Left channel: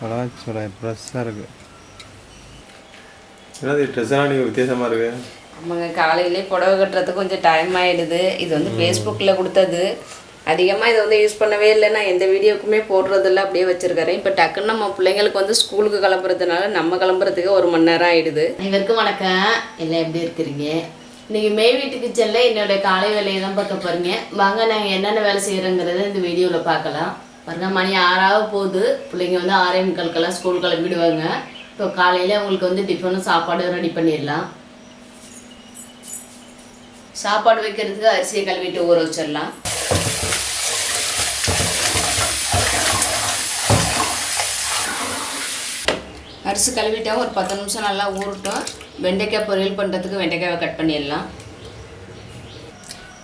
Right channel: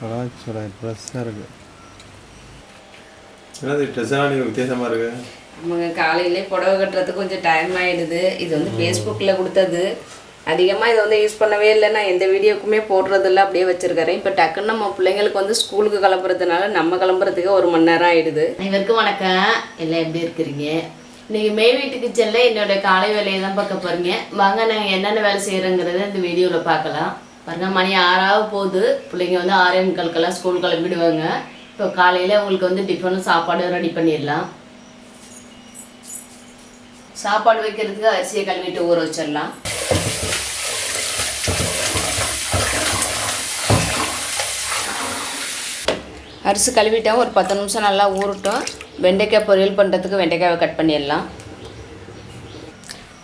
பலாச்சோலை ஃப்ரெஷ்ஷாக இருக்கு. என்னது ட்ரெஸ்ஸெல்லாம் நீங்கள் வித்தியாசமாக இருக்கு? ஆமாங்க காலையிலே புடவை கட்டுறதுக்கு கொஞ்சம் டைம் ஆயிடுது. இது வந்து ஃபேஸ்புக்கில் கொடுத்தது. அதிகமாக இதை வந்து யூஸ் பண்ணவே இல்லை. நான் எந்த வீடியோக்குமே போடுறதில்ல அப்படியே வச்சிருக்கிறேன். இப்போ டக்குன்னு நம்ம பிள்ளைங்களுக்கு வந்து ஸ்கூலுக்கு கிளம்புறதுனால நம்ம கிளம்புறதுக்கு ஒரு மணி நேரம் ஆயிடுது. அனைவருக்கும் வணக்கம். எல்லாம் எப்படி இருக்கிறீங்க? இன்னைக்கு மே வீட்டு கிச்சனில் என்னோட காலை வேலையை தான் பார்க்க போறீங்க. வாங்க நாங்கள் என்னென்ன வேலை செய்கிறோங்கிறத இந்த வீடியோவில் பார்க்கலாம். பாருங்க மணி ஆறாவது போகுது. பிள்ளைங்க வந்து ஆறே முக்காலுக்கெல்லாம் ஸ்கூல் கிளம்பிடுவாங்க. இப்போ காலையில் அவங்களுக்கு வந்து டிஃபனும் சாப்பாடும் ரெடி பண்ணிடலாம். சாப்பாடு வைக்கிறதுக்கு அரிசியை கழுவிட்டு ஊற வச்சிடலாம். அரிசி கழுவிட்டோம் ஒரு பத்து நிமிஷம் நல்லா ஊறட்டும். வெண்டைக்காய் பொரியல் பண்ணுறதுக்கு வெண்டைக்காவை கட் பண்ணிடலாம்.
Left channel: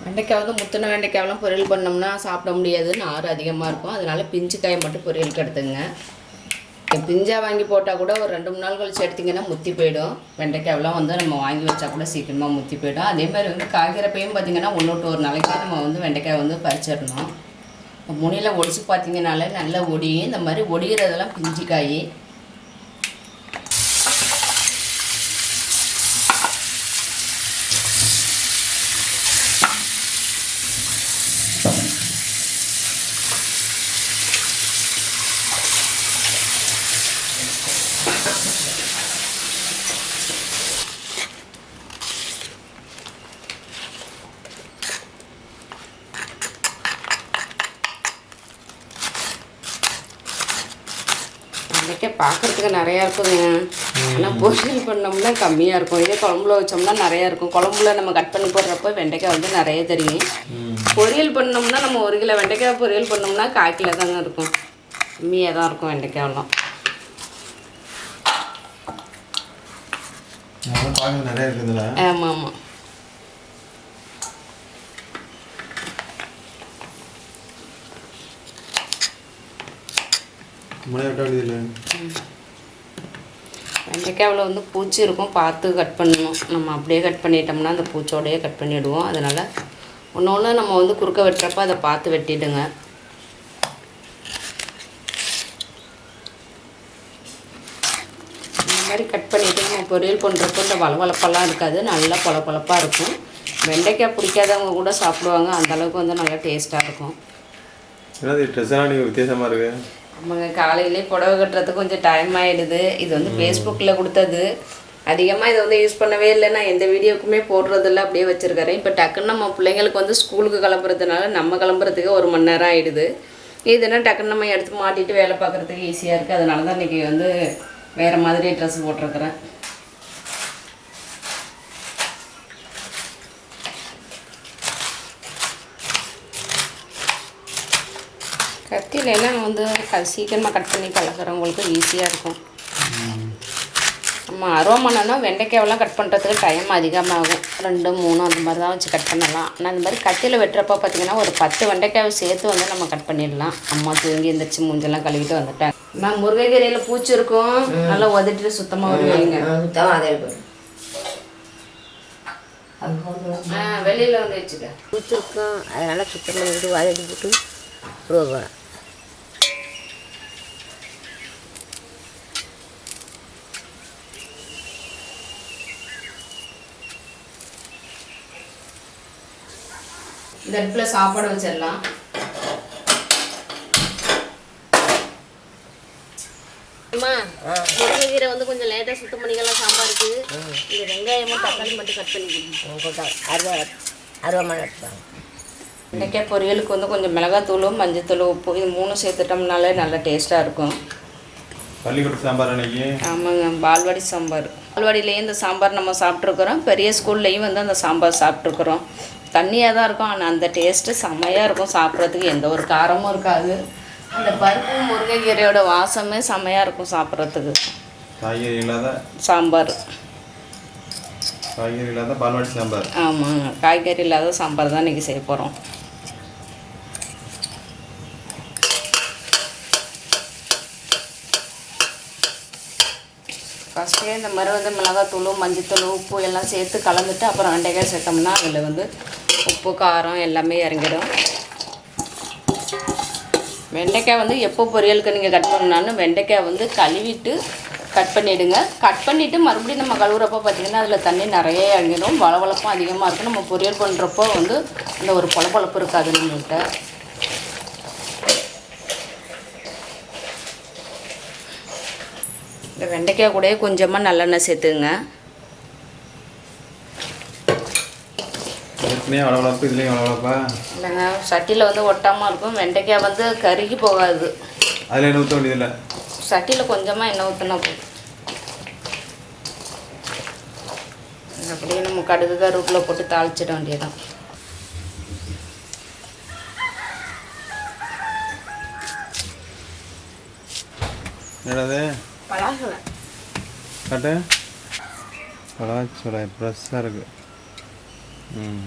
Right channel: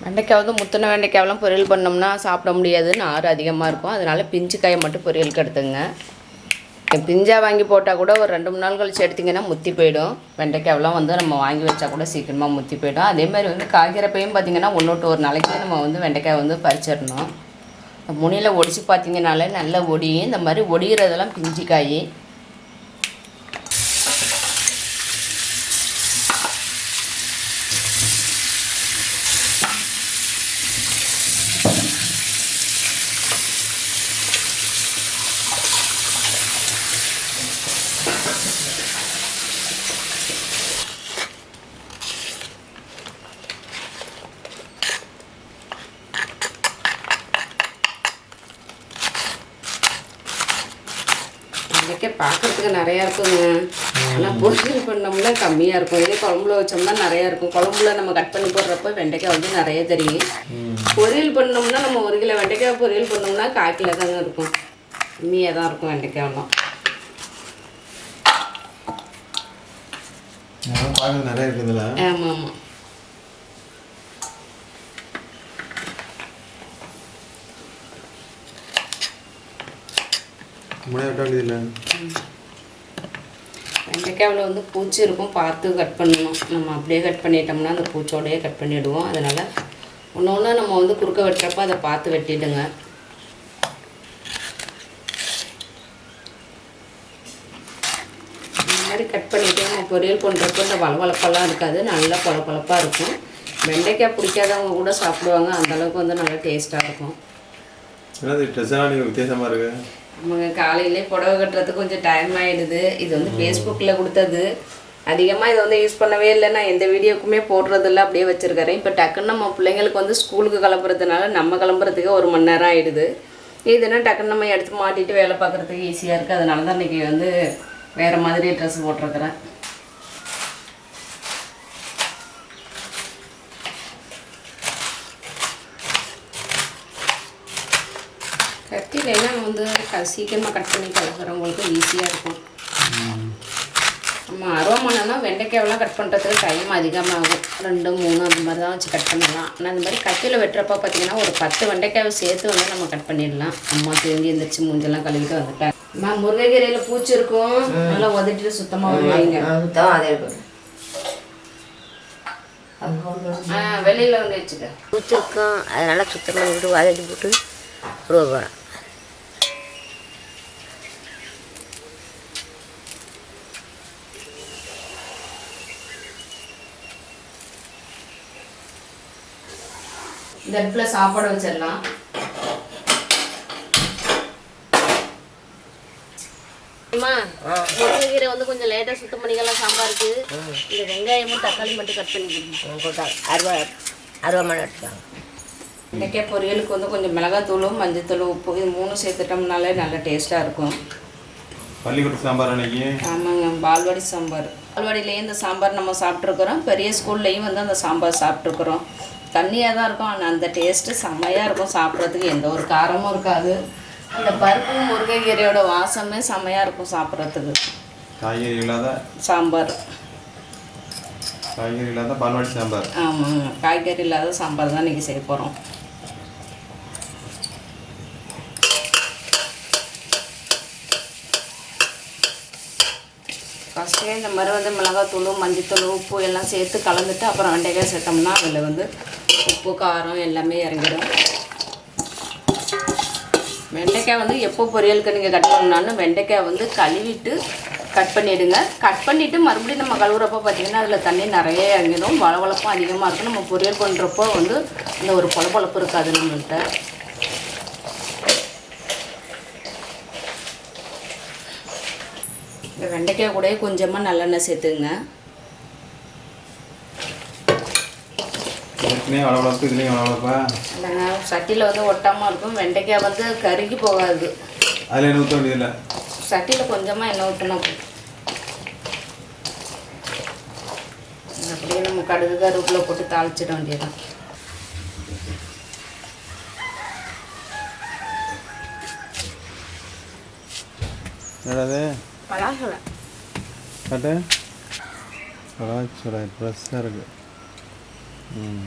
வெண்டைக்காய் வந்து முத்தின வெண்டைக்காயெல்லாம் பொரியல் பண்ணோம்னா சாப்பிட முடியாதுன்னு ஆறு அதிகமாக இருக்கும். அதனால் பிஞ்சு காயை மட்டும் பொரியலுக்கு எடுத்துங்க பிஞ்சா வாங்கி போட்டால் கூட ஒரு ரெண்டு மூணு நாள் கழிச்சு எடுத்திங்கன்னா முத்தி போயிடும். வெண்டைக்காயெல்லாம் வந்து நம்ம வாங்கி வச்சா கூட சீக்கிரமாக முத்தி போயிடும். அதேமாதிரி வந்து காய்கறப்பையும் பார்த்திங்கன்னா ஒன்று ஒரு நாளைக்கு நம்ம வந்து வெண்டைக்காய் வந்து பறிச்சிடணும். முனியில் ஒடிச்சு பார்த்தீங்கனாலே நல்லா ஒடியும். இந்த மாதிரி ஒடிகிறதெல்லாம் பிஞ்சு காய் வெண்டைக்காய் பார்க்கறதுக்கு நிறையா இருக்குங்க. ஆனால் பொரியல் பண்ணோம்னா கம்மியாக இருக்கும். இதே குழம்புல வச்சோம்னா நிறையா இருக்கும். குழம்புல நம்ம கட் பண்ணி போடுறப்ப வெண்டைக்காய் வந்து நிறைய தெரியும். பொரியல் பண்ணோம்னா நம்ம ஒரு கிலோ வெண்டைக்காய் பொரியல் பண்ணோம்னா கால் கிலோ தாங்க இருக்கும். கம்மியாக தான் இருக்கும் வெண்டைக்காயெல்லாம். ஆமாம் ஆமாம். வெண்டைக்காவில் வந்து பூச்சி இருக்கும் பார்த்து கட் பண்ணணும். நம்ம அப்படியே கட் பண்ணிட்டோம்னா அந்த பூச்சோடையே கட் பண்ணிவிடுவோம் அதனால் ஒன்று ஒன்று நம்ம வந்து குறுக்க வெட்டுறப்ப அதை பார்த்து வெட்டிடுங்க. இந்த மாதிரி கட் பண்ணிவிட்டு நம்ம பொரியல் பண்ணுறப்ப இந்த வளவளப்பெல்லாம் இருக்காது. நல்லா பொல பொலப்பாக இருக்கும். வெண்டைக்காய் பிடிக்காதவங்க கூட சாப்பிடுவாங்க. அந்த அளவுக்கு வந்து நல்லா டேஸ்ட்டாக இருக்கும். வித்தியாசமாக இருக்கு? ஆமாங்க காலையிலே புடவை கட்டுறதுக்கு கொஞ்சம் டைம் ஆயிடுது. இது வந்து ஃபேஸ்புக்கில் கொடுத்தது. அதிகமாக இதை வந்து யூஸ் பண்ணவே இல்லை. நான் எந்த வீடியோக்குமே போடுறதில்ல. அப்படியே வச்சுருக்கிறேன். இப்போ டக்குன்னு நம்ம பிள்ளைங்களுக்கு வந்து ஸ்கூலுக்கு கிளம்புறதுனால நம்ம கிளம்புறதுக்கு ஒரு மணி நேரம் ஆயிடுது. இதுனா டக்குன்னு நம்ம எடுத்து மாட்டிட்டு வேலை பார்க்குறதுக்கு ஈஸியாக இருக்குது அதனால தான் இன்றைக்கி வந்து வேறு மாதிரி ட்ரெஸ் போட்டிருக்கிறேன். கத்தியிலலாம் வந்து க- சீக்கிரமாக கட் பண்ணி கலக்கிறவங்களுக்கு ஈஸியாக இருக்கும். நம்ம அருவமனைனா வெண்டைக்காயெல்லாம் கட் பண்ணுறதுக்கு டைம் அதிகமாகும். ரெண்டு மூணு அந்த மாதிரி தான் வச்சு கட் பண்ணலாம். ஆனால் அந்த மாதிரி கத்தியில் வெட்டுறப்ப பார்த்தீங்கன்னா ஒரு பத்து வெண்டைக்காயை சேர்த்து வந்து நம்ம கட் பண்ணிடலாம். அம்மா தூங்கி எந்திரிச்சு மூஞ்செல்லாம் கழுவிட்டு வந்துட்டேன் நான் முருங்கைக்கீரையில் பூச்சி இருக்கும் நல்லா உதட்டிட்டு சுத்தமாக வருவீங்க. சுத்தம் அதே வெளியில் வந்து வச்சுக்க. பூச்சிருக்கும் அதனால் சுத்தம் பண்ணிவிட்டு வதக்கி போட்டு உருவ இந்த அடுப்பில் சாப்பாடு வச்சிடலாம். அம்மா முருங்கைக்கீரை வந்து கொஞ்சம் லேட்டாக சுத்தம் பண்ணிக்கலாம். சாம்பாருக்கு இந்த வெங்காயமும் தக்காளி மட்டும் கட் பண்ணி கொடுங்க. கொடுத்தாங்க அருவா அருவாமனை எடுத்துக்காங்க. வெண்டைக்காய் பொரியலுக்கு வந்து கொஞ்சம் மிளகாத்தூளும் மஞ்சத்தூள் உப்பு இது மூணும் சேர்த்துட்டோம்னாலே நல்லா டேஸ்ட்டாக இருக்கும். பள்ளிக்கூட சாம்பார் அன்னைக்கு? ஆமாங்க பால்வாடி சாம்பார். பால்வாடியிலேயே இந்த சாம்பார் நம்ம சாப்பிட்ருக்குறோம் பெரிய ஸ்கூல்லையும் வந்து அந்த சாம்பார் சாப்பிட்ருக்குறோம் தண்ணியாக தான் இருக்கும். ஆனால் அந்த டேஸ்ட்டு செம்மையாக இருக்கும் சாப்பிட்றதுக்கு. எந்த ஒரு காரமும் இருக்காது. அந்த பருப்பு முருங்கைக்கீரையோட வாசமே செம்மையாக இருக்கும் சாப்பிட்றதுக்கு. காய்கறி இல்லாத சாம்பார். காய்கறி இல்லாத பால்வாடி சாம்பார். ஆமாங்க காய்கறி இல்லாத சாம்பார் தான் இன்றைக்கி செய்ய போகிறோம் ஃபஸ்ட்டே இந்த மாதிரி வந்து மிளகாத்தூள் மஞ்சத்தூள் உப்பு எல்லாம் சேர்த்து கலந்துட்டு அப்புறம் வெண்டைக்காய் சேர்த்தோம்னா அதில் வந்து உப்பு காரம் எல்லாமே இறங்கிடும். வெண்டைக்காய் வந்து எப்போ பொரியலுக்கு நீங்கள் கட் பண்ணாலும் வெண்டைக்காய் வந்து கழுவிட்டு கட் பண்ணிவிடுங்க கட் பண்ணிவிட்டு மறுபடியும் நம்ம கழுவுறப்போ பார்த்தீங்கன்னா அதில் தண்ணி நிறைய இறங்கிடும். வளவளப்பும் அதிகமாக இருக்கும். நம்ம பொரியல் பண்ணுறப்போ வந்து இந்த ஒரு பொழப்பொழப்பு இருக்காது நம்மள்கிட்ட இந்த வெண்டைக்காய் கூட கொஞ்சமாக நல்லெண்ணெய் சேர்த்துங்க ஏற்கனவே வளவளப்பு இதுலேயும் வளவளப்பா இல்லைங்க சட்டியில் வந்து ஒட்டாமல் இருக்கும். வெண்டைக்காய் வந்து கருகி போகாது. அதில் என்ன ஊற்ற வேண்டியதில்லை? சட்டியில் கொஞ்சமாக எண்ணெய் ஊற்றினா போதும். அப்படியே நம்ம கடுகு கருவேப்பிலை போட்டு தாளிச்சிட வேண்டியதான் என்னடாது பலாசலை காட்டு பலாச்சுரை ஃப்ரெஷ்ஷாக இருக்கு. ம்.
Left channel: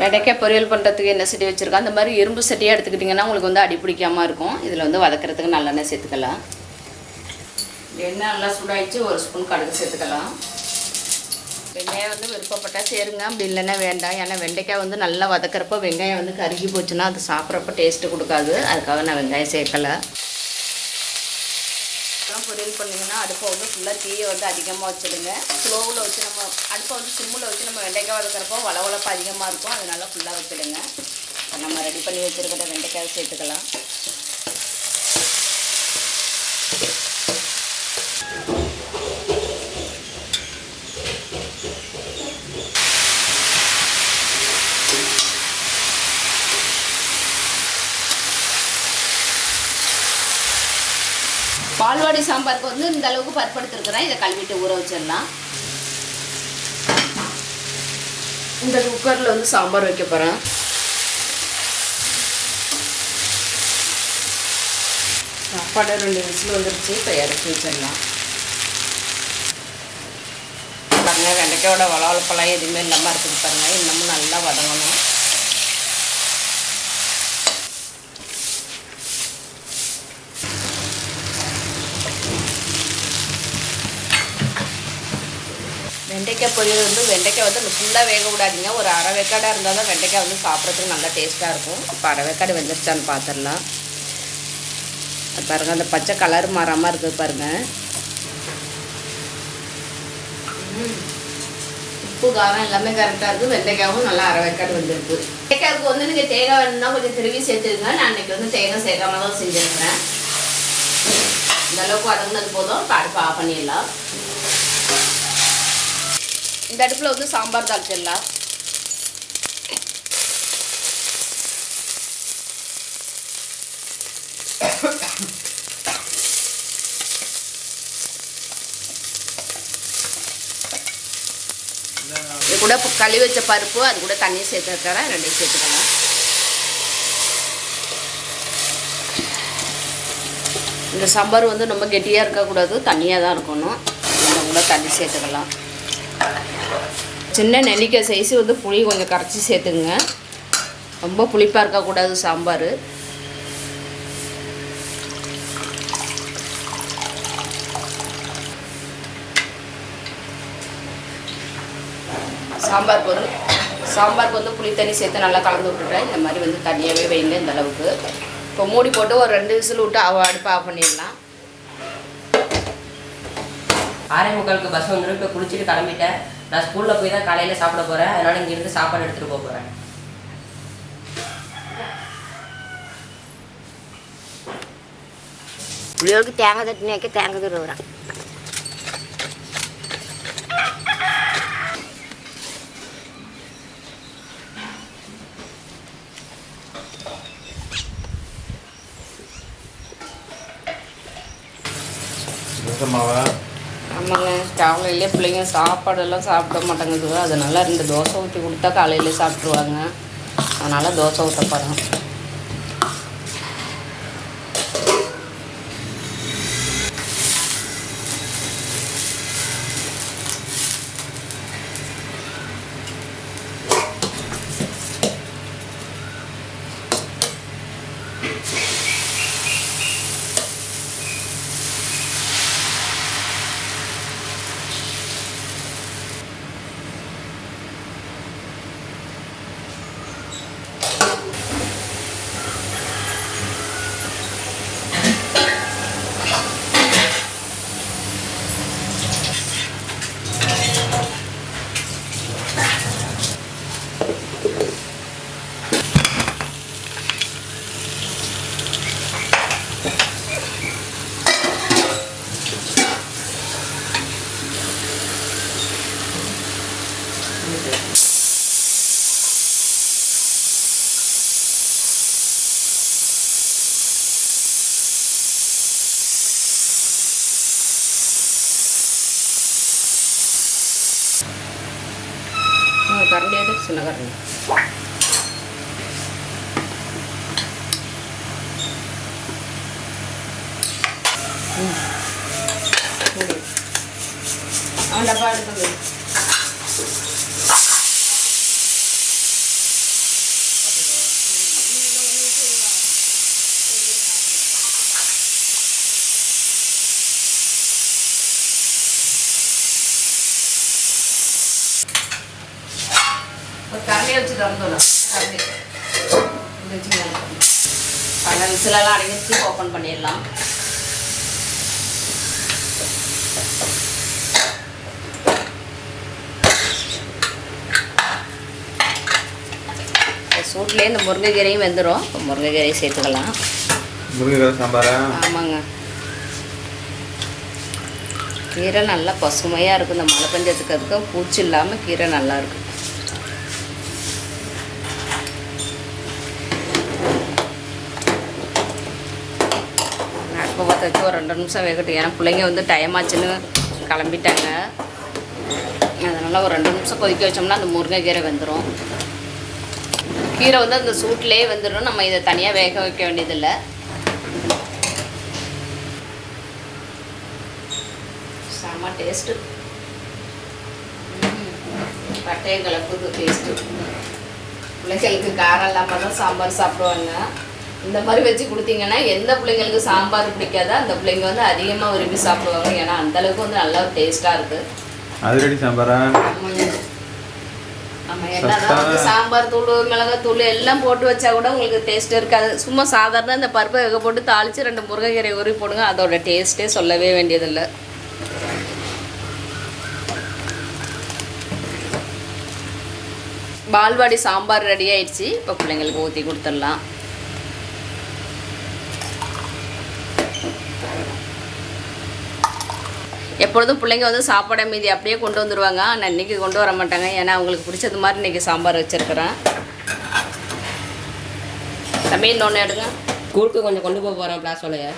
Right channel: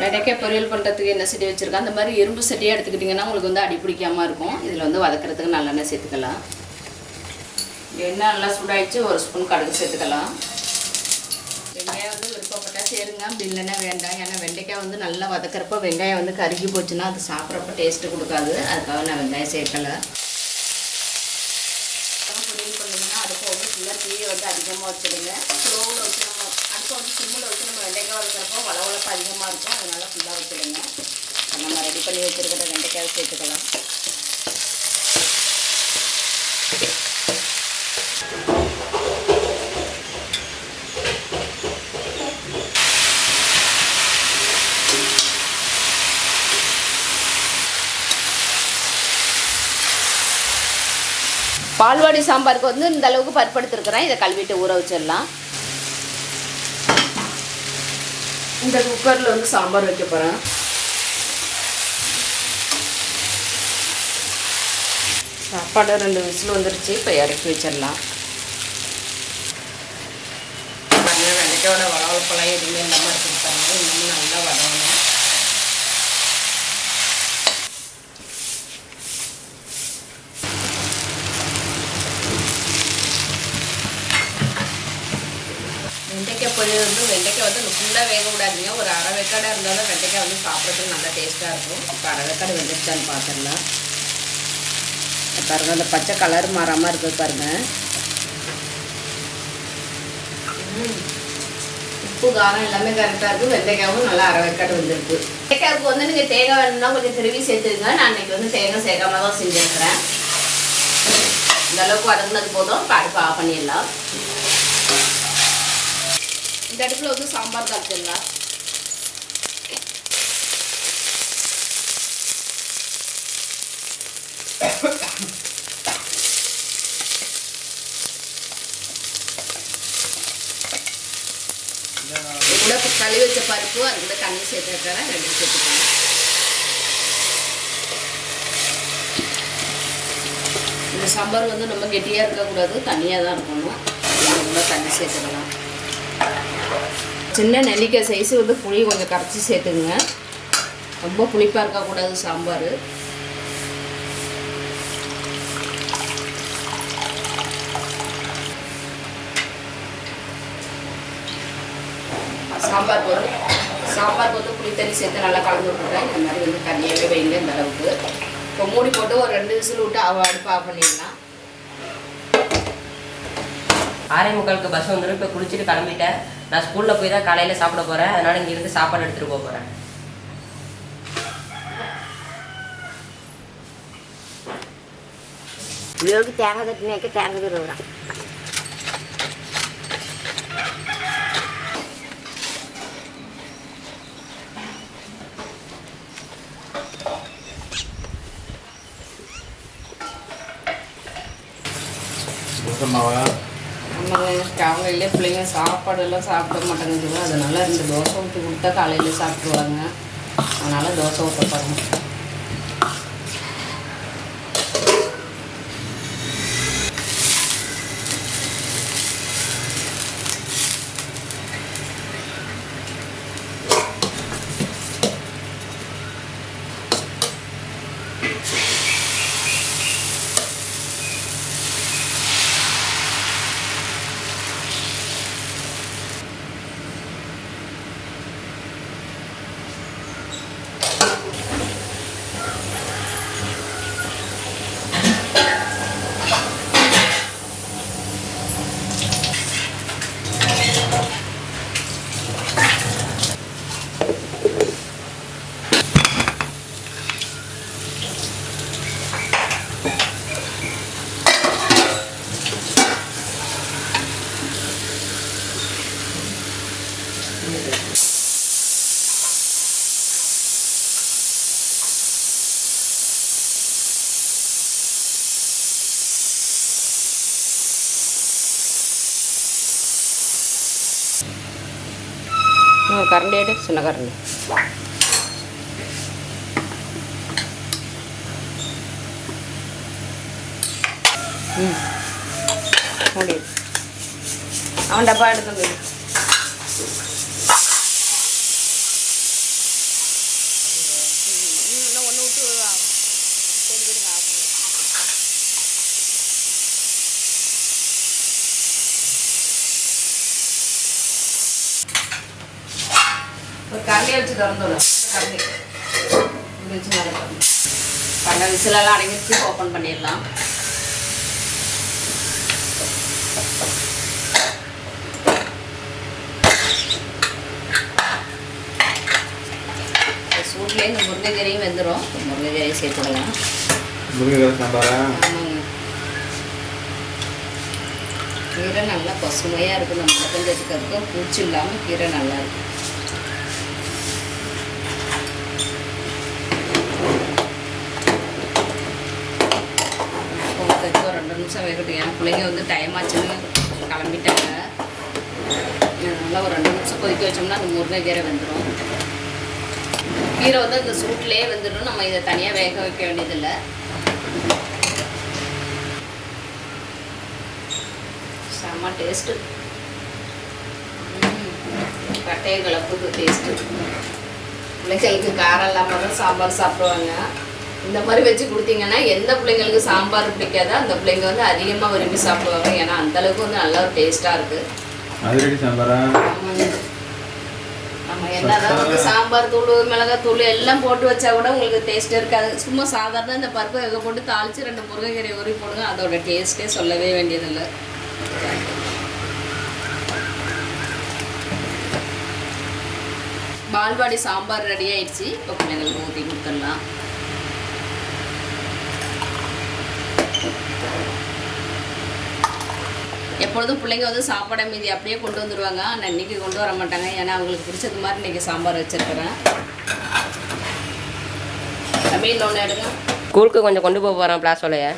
வெண்டைக்காய் பொரியல் பண்ணுறதுக்கு என்ன செடி வச்சுருக்கோம்? அந்த மாதிரி இரும்பு செடியாக எடுத்துக்கிட்டிங்கன்னா உங்களுக்கு வந்து அடி பிடிக்காமல் இருக்கும். இதில் வந்து வதக்கிறதுக்கு நல்லெண்ணெய் சேர்த்துக்கலாம். எண்ணெய் நல்லா சூடாயிடுச்சு ஒரு ஸ்பூன் கடுகு சேர்த்துக்கலாம். வெங்காயம் வந்து விருப்பப்பட்டால் சேருங்க. அப்படி இல்லைன்னா வேண்டாம். ஏன்னா வெண்டைக்காய் வந்து நல்லா வதக்கிறப்போ வெங்காயம் வந்து கருகி போச்சுன்னா அது சாப்பிட்றப்ப டேஸ்ட்டு கொடுக்காது. அதுக்காக நான் வெங்காயம் சேர்க்கலை. பொரியல் பண்ணிங்கன்னா அடுப்பை வந்து ஃபுல்லாக தீயை வந்து அதிகமாக வச்சுடுங்க. ஸ்லோவில் வச்சு நம்ம அடுப்பை வந்து சிம்மில் வச்சு நம்ம வெண்டைக்காய் வளர்க்குறப்போ வளவளப்பு அதிகமாக இருக்கும். அதனால ஃபுல்லாக வச்சுடுங்க. நம்ம ரெடி பண்ணி வச்சுருக்கிற வெண்டைக்காய் சேர்த்துக்கலாம். பால்வாடி சாம்பாருக்கு வந்து இந்த அளவுக்கு பற்படுத்திருக்கிறேன் இதை கழுவிட்டு ஊற வச்சிடலாம். இந்த குக்கரில் வந்து சாம்பார் வைக்க போகிறேன் சாப்பாடு ரெண்டு விசில் வந்துருச்சு இப்போ இறக்கி வச்சிடலாம். பாருங்கள் வெண்டைக்காயோட வளவளப்பெல்லாம் எதுவுமே இல்லாமல் இருக்குது பாருங்கள் இன்னமும் நல்லா வதங்கணும். வெண்டைக்காய் பொரியல் வந்து வெண்டைக்காய் வந்து ஃபுல்லாக வேக விடாதீங்க. ஒரு அரை வேக்காடாக இருந்தாலும் வெண்டைக்காய் வந்து சாப்பிட்றதுக்கு நல்லா டேஸ்ட்டாக இருக்கும். இப்போ அரை வேக்காடு வெந்துருச்சான்னு பார்த்துடலாம் பாருங்கள் அந்த பச்சை கலர் மாறாமல் இருக்குது பாருங்கள் உப்பு காரம் எல்லாமே கரெக்டாக இருக்குது வெண்டைக்காயும் நல்லா அரை வேக்காடு வந்துருக்கு. வெண்டைக்காய்க்கு வந்து நீங்கள் தேங்காய் வேணும்னா கொஞ்சம் திருவி சேர்த்துருங்க நான் இன்னைக்கு வந்து தேங்காய் சேர்க்காம தான் செஞ்சுருக்கிறேன். இந்தளவுக்கு வதங்கினது போதும். இப்போ அடுப்பு ஆஃப் பண்ணிடலாம். இந்த அடுப்பில் வந்து சாம்பார் தாளிச்சிடலாம். இது கூட கழுவி வச்ச பருப்பு அது கூட தண்ணி சேர்த்து ரெண்டு சேர்த்துக்கோங்க இந்த சாம்பார் வந்து ரொம்ப கெட்டியாக இருக்கக்கூடாது தண்ணியாக தான் இருக்கணும். நம்ம கூட தண்ணி சேர்த்துக்கலாம். சின்ன நெல்லிக்காய் சைஸு வந்து புளி கொஞ்சம் கரைச்சி சேர்த்துக்குங்க. ரொம்ப புளிப்பாக இருக்கக்கூடாது சாம்பார். சாம்பாருக்கு வந்து சாம்பாருக்கு வந்து புளி தண்ணி சேர்த்து நல்லா கலந்து விட்டுறேன் இந்த மாதிரி வந்து தண்ணியாகவே வைங்க இந்த அளவுக்கு. இப்போ மூடி போட்டு ஒரு ரெண்டு விசில் விட்டு அவ அடுப்பு ஆஃப் பண்ணிடலாம். ஆறே முக்காலுக்கு பஸ் வந்துடும் இப்போ குளிச்சுட்டு கிளம்பிட்டேன். நான் ஸ்கூலில் போய் தான் காலையில் சாப்பிட போகிறேன் அதனால் இங்கேருந்து சாப்பாடு எடுத்துகிட்டு போக போகிறேன் புளியோருக்கு தேங்காய் தட்டினி வைக்க தேங்காய் துருவுறான் ஆமாங்க காலையிலே பிள்ளைங்க சாப்பாடெல்லாம் சாப்பிட மாட்டேங்குது அதனால ரெண்டு தோசை ஊற்றி கொடுத்தா காலையில் சாப்பிட்ருவாங்க அதனால் தோசை ஊற்ற போகிறேன் கரண்டி எடு சின்ன கரண்டி ம் மூடி அவன் டப்பா எடுத்து போய் ஒரு கரண்டியை இப்படி வச்சு மேலே போடணும் பல விசிலெல்லாம் அடங்கிச்சு ஓப்பன் பண்ணிடலாம் இந்த சூட்லேயே இந்த முருங்கைக்கீரையும் வெந்துடும் இப்போ முருங்கைக்கீரையை சேர்த்துக்கலாம் முருங்கைக்கீரை சாம்பாரா ஆமாங்க கீரை நல்லா பசுமையாக இருக்கும் இந்த மழை பெஞ்சதுக்கு பூச்சி இல்லாமல் கீரை நல்லா இருக்கும் போகிறதுக்கு ஒரு ரெண்டு நிமிஷம் வேகட்டும் ஏன்னா பிள்ளைங்க வந்து டைம் ஆச்சுன்னு கிளம்பிட்டாங்க. அதனால் ஒரு ரெண்டு நிமிஷம் கொதிக்க வச்சோம்னா அந்த முருங்கைக்கீரை வெந்துடும் கீரை வந்து அந்த சூட்லேயே வந்துடும் நம்ம இதை தனியாக வேக வைக்க வேண்டியதில்லை. செம்ம டேஸ்ட்டு பட்டைய கலப்புக்கு டேஸ்ட்டு பிள்ளைகளுக்கு காரம் இல்லாமல் தான் சாம்பார் சாப்பிடுவாங்க. இந்த மாதிரி வச்சு கொடுத்தீங்கன்னா எந்த பிள்ளைங்களுக்கு சாம்பார் பிடிக்காதோ அந்த பிள்ளைங்க வந்து அதிகமாக விரும்பி சாப்பிடுவாங்க. ஏன்னா அந்த அளவுக்கு வந்து நல்ல டேஸ்ட்டாக இருக்குது அதிரடி சாம்பாரா? என்னதான் வந்து சாம்பார் தூள் மிளகாய் தூள் எல்லாம் போட்டு வச்சா கூட உங்களுக்கு டேஸ்ட் இருக்காது. சும்மா சாதாரண இந்த பருப்பை வேக போட்டு தாளித்து ரெண்டு முருங்கைக்கீரை உருவி போடுங்க அதோட டேஸ்ட்டே சொல்லவே வேண்டியதில்லை. பால்வாடி சாம்பார் ரெடி ஆயிடுச்சு. இப்போ பிள்ளைங்களுக்கு ஊற்றி கொடுத்துடலாம். எப்பொழுதும் பிள்ளைங்க வந்து சாப்பாடை மீதி அப்படியே கொண்டு வந்துடுவாங்க ஆனால் இன்னைக்கு கொண்டு வர மாட்டாங்க. ஏன்னா அவங்களுக்கு பிடிச்சது மாதிரி இன்னைக்கு சாம்பார் வச்சிருக்கிறேன். தம்பி இன்னொன்று எடுங்க. ஸ்கூலுக்கு கொஞ்சம் கொண்டு போக போகிறேன் பிளாஸோலைய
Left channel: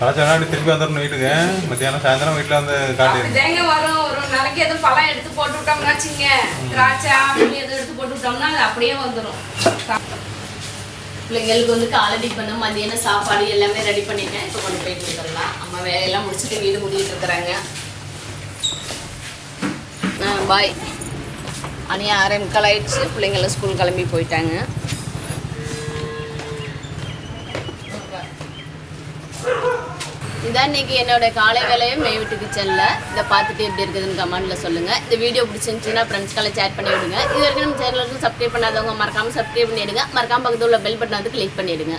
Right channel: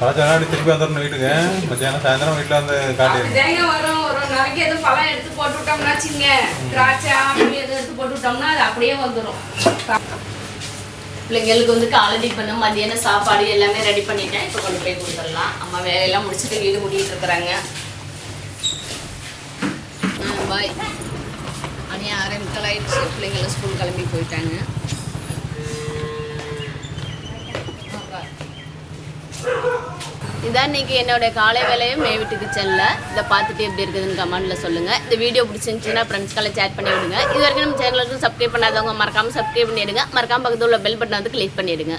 பழச்சாடி திருப்பி வந்துடணும் வீட்டுக்கு. மத்தியானம் சாயந்தரம் வீட்டில் வந்து காட்டிடுங்க அப்படிதாங்க எதுவும் பழம் எடுத்து போட்டு விட்டோம்னா வச்சுங்க திராட்சை அப்படி எதுவும் எடுத்து போட்டு விட்டோம்னா அது அப்படியே வந்துடும் பிள்ளைங்களுக்கு வந்து காலடி பண்ண மதியான சாப்பாடு எல்லாமே ரெடி பண்ணிட்டேன். இப்போ கொண்டு போய் கொடுத்துடலாம். அம்மா வேலையெல்லாம் முடிச்சுட்டு வீடு கூட்டிகிட்டு இருக்கிறாங்க. பாய் அனி ஆரம்பிக்கலாயிடுச்சு பிள்ளைங்களும் ஸ்கூல் கிளம்பி போயிட்டாங்க. இதான் இன்னைக்கு என்னோட காலை வேலையும் மே வீட்டுக்கு செல்ல. இதை பார்த்துட்டு எப்படி இருக்குதுன்னு கமெண்ட்ல சொல்லுங்க. இந்த வீடியோ பிடிச்சிருந்துச்சுன்னா ஃப்ரெண்ட்ஸ்க்கெல்லாம் சேட் பண்ணி விடுங்க. இது வரைக்கும் நம்ம சேனலுக்கு சப்ஸ்கிரைப் பண்ணாதவங்க மறக்காம சப்ஸ்கிரைப் பண்ணிடுங்க. மறக்காம பக்கத்தில் உள்ள பெல் பட்டன் வந்து கிளிக் பண்ணிடுங்க.